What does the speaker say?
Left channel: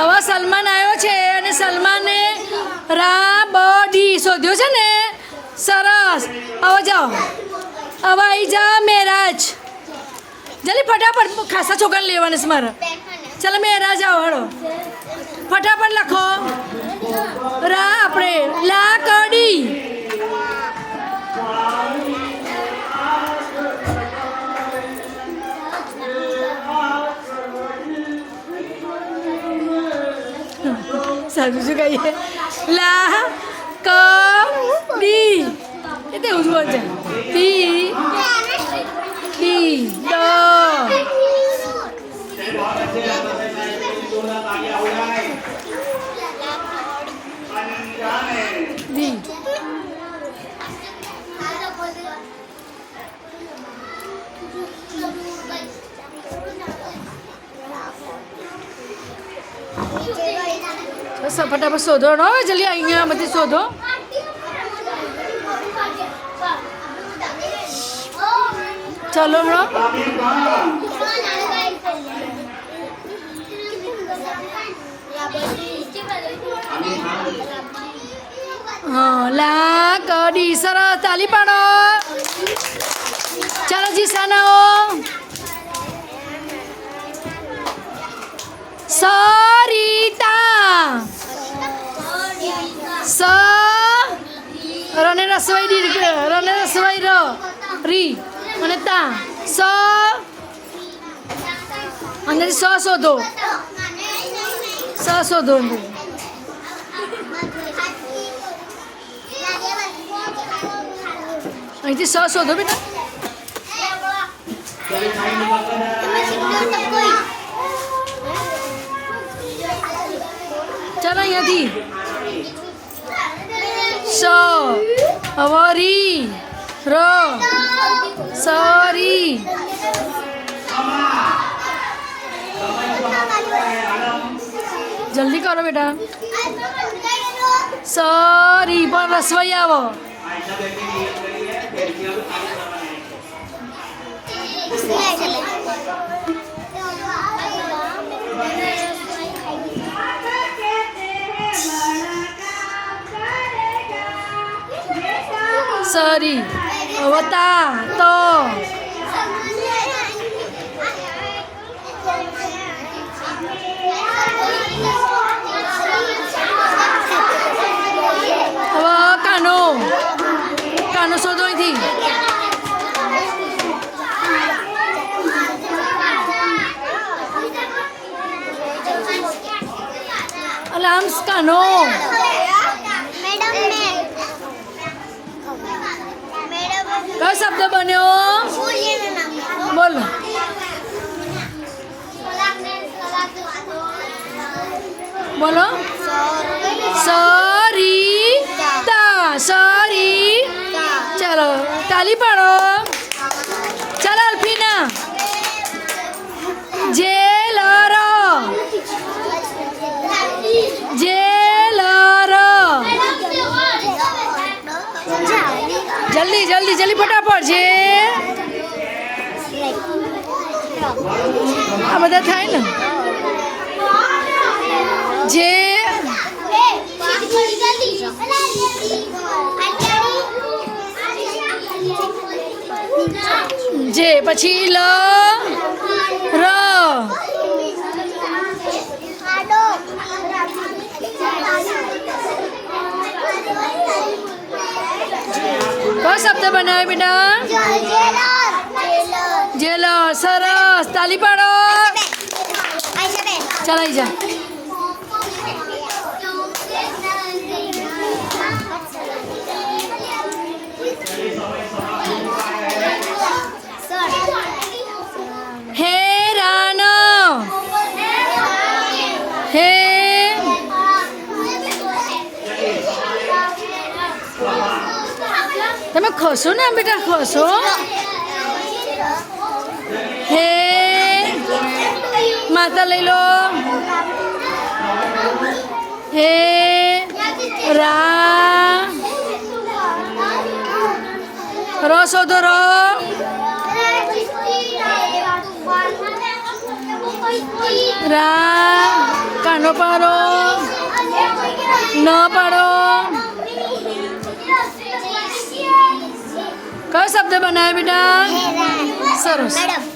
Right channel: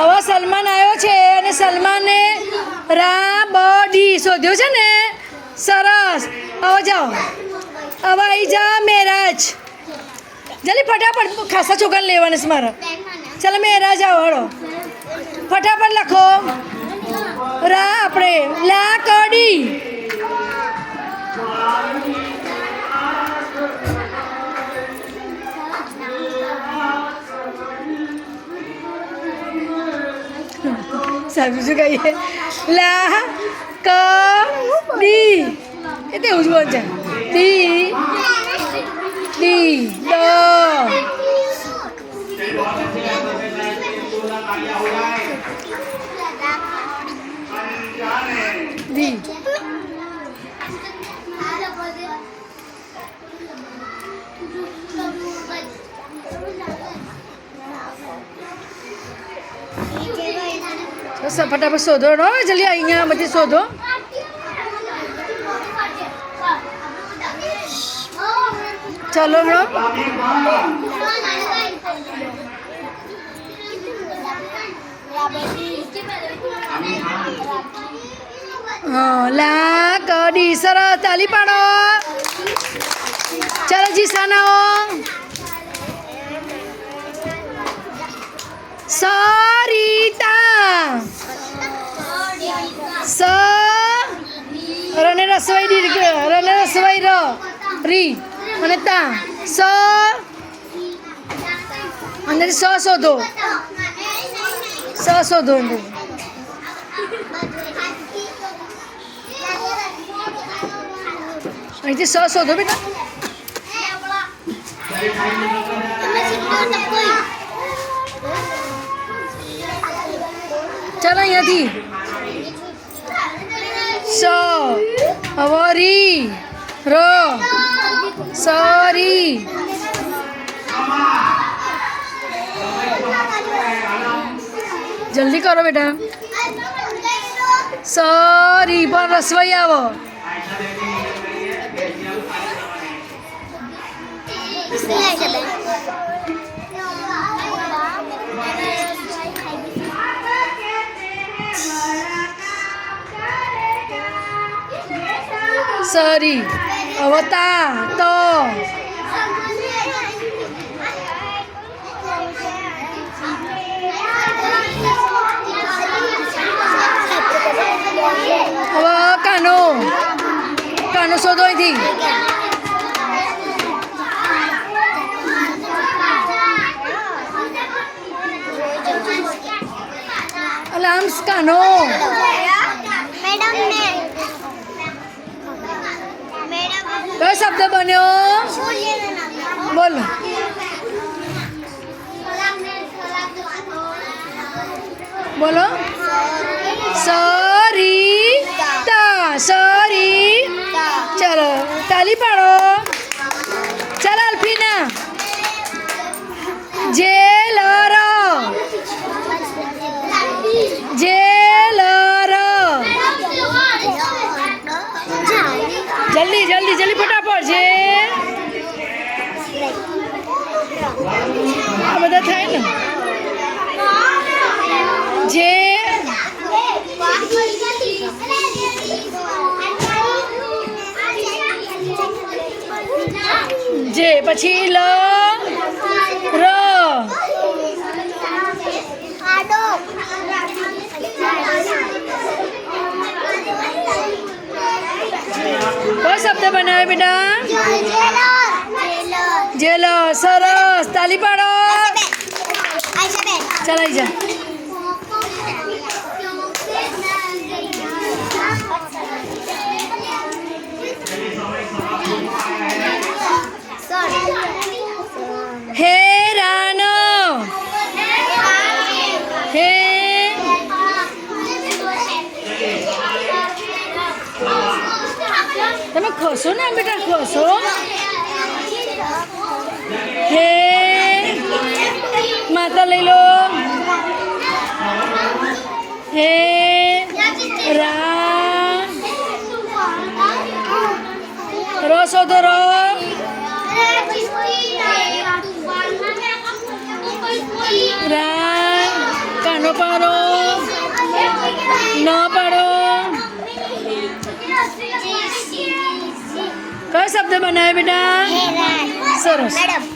હવે સલમાન આવ્યો છે અને સલમાને રાબડી શોધ્યો છે ને. સરસ. હવે જાઓ, હવે આવી જા મેરાજ. જલ્દી ફટાફટ, ખાસા છોકરાને લેવાના છે મારે. ચાલો મેરાજ આવો, હળો ફટાફટ લખો. રા આપણે લાકડી. સાચું શું કહીએ? લા ક ડી. એ તેવું જ બોલ છે. ડી ડી દ ડી. ફટાફટ શોધો. જલ્દી અહીંયા બધી શોધો. ચલો હમણાં. હા, લાકડી. સરસ, તાલી પાડો. ચાલો જીસાનાઓ. સરિતા. સ રને રસવાઈ દીર્ઘ, રને રસવાઈ ર રી અને તા. સ અંદરથી સ શોધો. સ શોધો અંદર. અહીંથી સ શોધો બેટા. ચાલો અહીંયાથી. સ હવે રી ર સરી. જલ્દી કરો બેટા. સરી પણ રસવાઈ આવો. સરી અવતા તો. હવે કાનો. કાનો શોધો અહીંથી. અલામ્સ કાનો. કયો શબ્દ બન્યો? બોલો. બોલો. સરિતા. સરી. ચાલો તાલી પાડો. ચાલો અલ્ફીના. જેલર. જેલર. જલ્દી જલ્દી જલ્દી ફટાફટ છે. આ બધા થાય ને. જે જે પછી લ ર. કયો શબ્દ બનાવે બેટા? જેલર. સરસ, તાલી પાડો. ચાલ આવી જા. હેરાન. હે તમે ખસો ને બેટા, ખસો. હે માતા લઈ લો. હે રા ર શોધો. ર રા કાનો. પાડો ન પાડો. કયો શબ્દ બનાવ્યો બેટા? સરસ.